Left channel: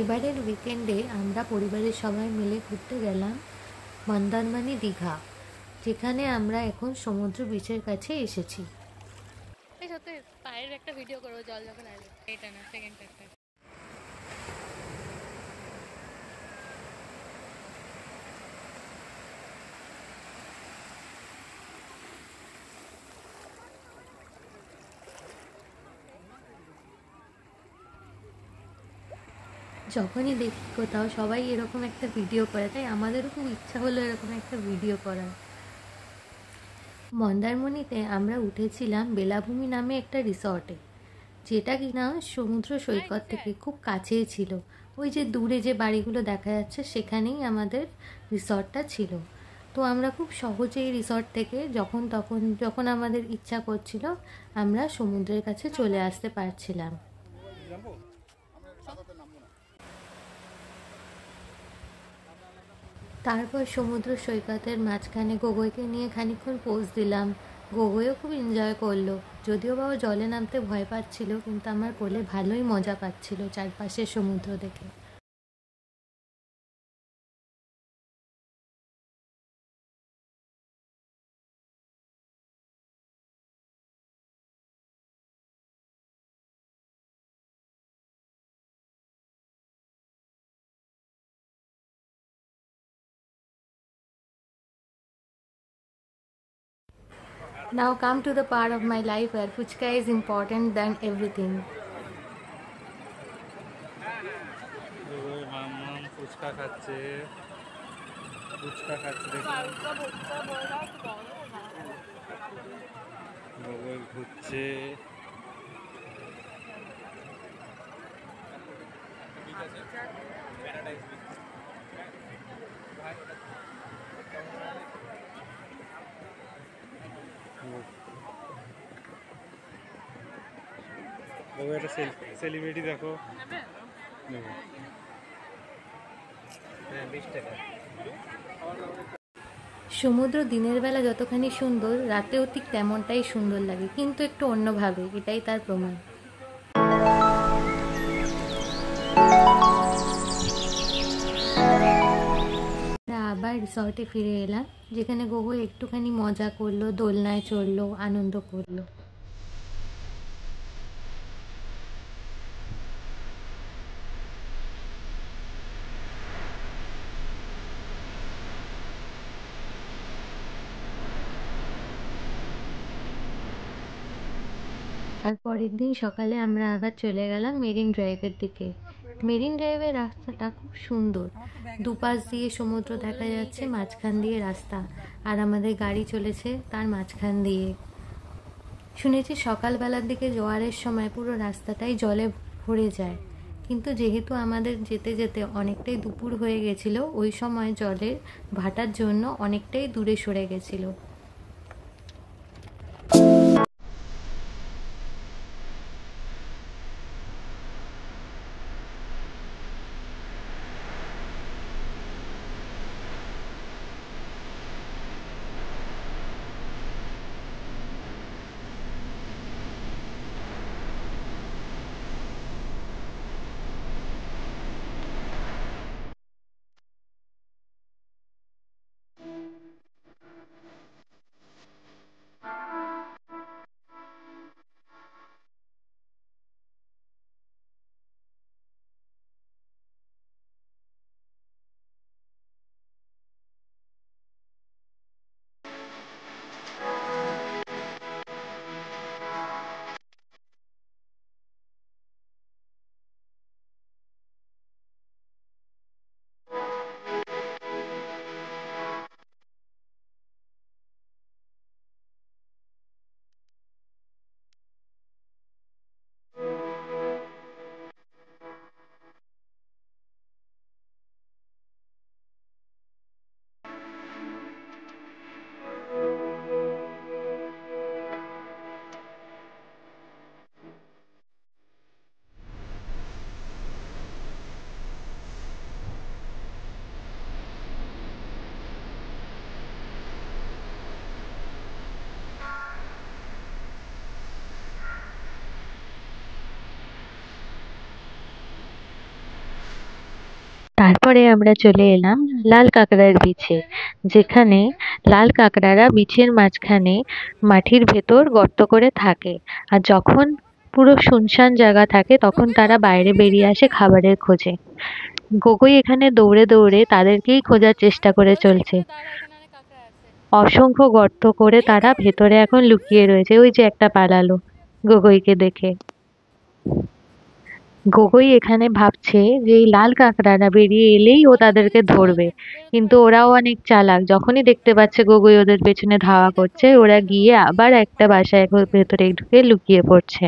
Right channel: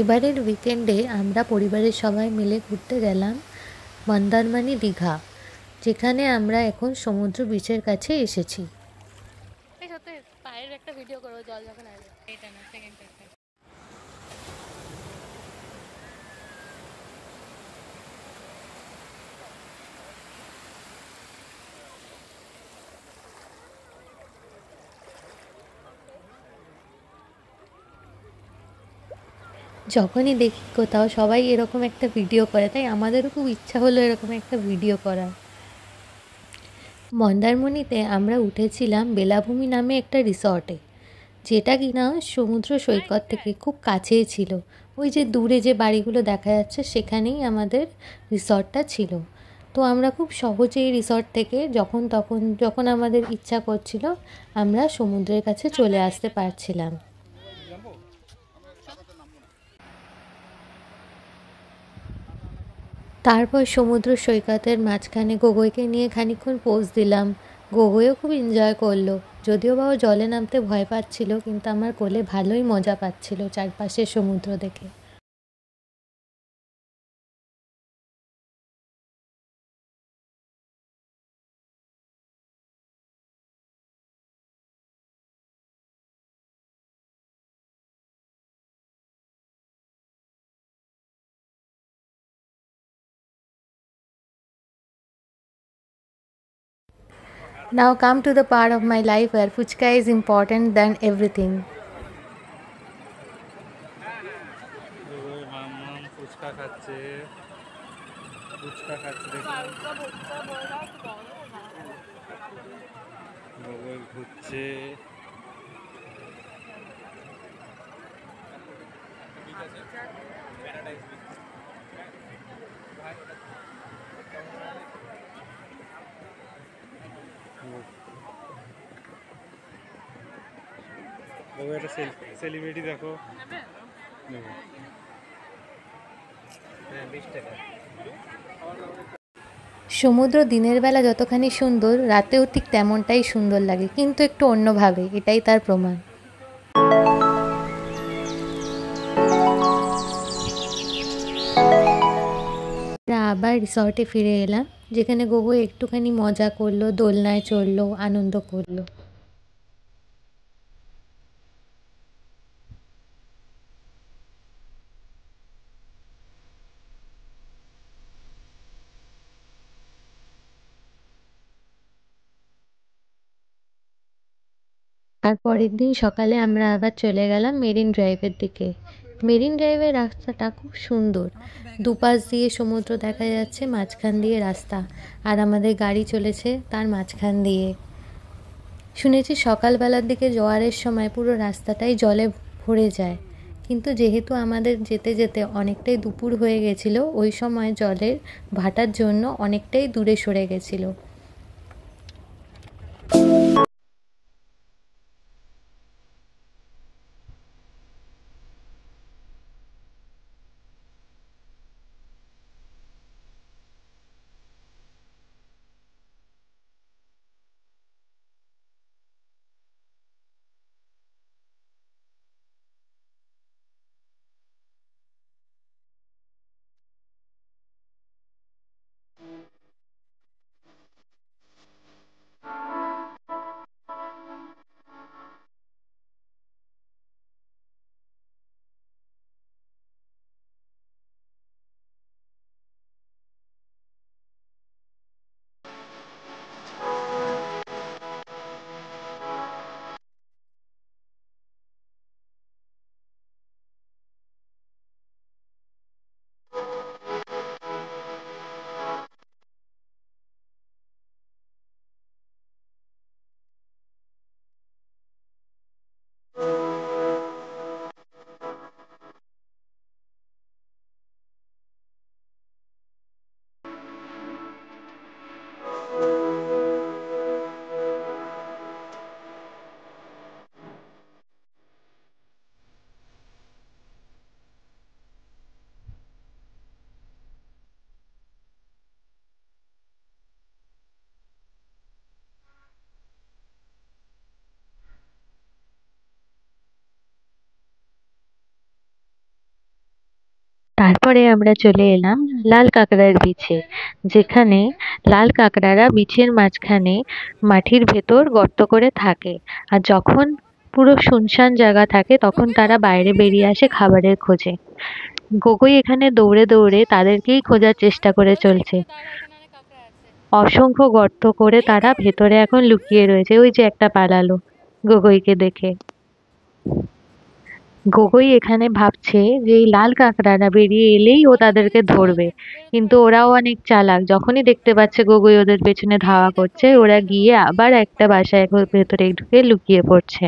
এবারের উইকেন্ডে আমরা পরিবারের সবাই মিলে ঘুরতে গেলাম মন্দারমণি দীঘা, যেখানে আমরা এখন সমুদ্র বিচের কাছে এসেছি। পায়ের একটা ভিডিও করবো জল যখন আসবে, এটা না সেকেন্ড একটা। যখনই দেখি কোথাও সবাই এরকম একটা ভিডিও করে, তাই আমাদেরও খুব ইচ্ছা হলো এরকম একটা ভিডিও করার। মন্দারমণিতে আমরা উঠেছিলাম বেলাভূমি নামে একটা রিসর্টে, যেটা কিনা সমুদ্র সৈকত থেকে খুব কাছেই ছিল। ওই যে দূরে যে বাড়িগুলো দেখা যাচ্ছে সেখানেই আমাদের রিসর্টটা ছিল। তো আমরা খুব সহজেই রিসর্ট থেকে যখন আমাদের ইচ্ছা করছিল আমরা সমুদ্রের কাছে চলে আসতে পারছিলাম। তারপর সমুদ্র সৈকতের মাঝখানে গগৈকে নিয়ে খানিকক্ষণ পোজ দিলাম। গগৈও খুব এনজয় করলো, যদিও বা ও জলে নামতে ভয় পাচ্ছিল, কিন্তু আমার কোলে ভালোই মজা পাচ্ছিল চারপাশের সমুদ্র দেখে। Now come to the part of my life where fuchka is important than everything. মাম ফুচকা খাচ্ছে, ফুচকা খাচ্ছে দেখুন, ঘুরছে। একটা সেলিব্রিটি দেখো, সমুদ্র দিনের বেলা যতখানি সুন্দর, রাতেও ঠিক তেমনটাই সুন্দর লাগে, কিন্তু একটু অন্যভাবে, এটাই তার প্রমাণ। আমরা আবার রিসর্টে ফিরে এলাম, যেখানে গগৈ একটুখানি মজা করলো, দোলনায় চড়লো, আনন্দ করলো। আর পরের দিন সকালে আমরা আবার চলে গেলাম মেরিন ড্রাইভের দিকে। মেরিন ড্রাইভের রাস্তাটা খুব সুন্দর, দুপাশ দিয়ে সমুদ্র দেখা যাচ্ছে, মাঝখান দিয়ে রাস্তা, আর আমাদের গাড়ি চলেছে তার মাঝখান দিয়ে। শুনেছি সকালবেলার দিকে জোয়ারের সময় পুরো রাস্তাটাই জলে ভরে যায়, কিন্তু যেহেতু আমাদের যেতে যেতে অনেকটাই দুপুর হয়ে গেছিলো, ওই সময় জলের ভাটার জন্য অনেকটাই দূরে সরে গেছিলো। তারপরে আমরা চলে এলাম লাল কাঁকড়ার বিছে, যেখানে লাল কাঁকড়ারা বিছের মাঝখানে মাটির ভেতর গর্ত করে থাকে। আর যখন পুরো শুনশান জায়গা থাকে তখন তারা বাইরে বেরিয়ে আসে খাবারের খোঁজে। গগৈ এখানে দৌড়ে দৌড়ে তাদেরকেই খোঁজার চেষ্টা করে চলছে। অসংখ্য গর্ত করে তারা ভেতরে এখন লুকিয়ে রয়েছে। ওই যে একটা পালালো গগৈকে দেখে। গগৈ এখানে ভাবছে যে এই লাল কাঁকড়ারা বেরিয়ে এলেই ও তাদেরকে ধরবে, কিন্তু ওরাও অনেক চালাক। যখনই দেখতে পাচ্ছে গগৈ ওদের পেছনে ধাওয়া করছে, ওরা গিয়ে আবার একটা বাসায় ভেতরে ঢুকে লুকিয়ে পড়ছে।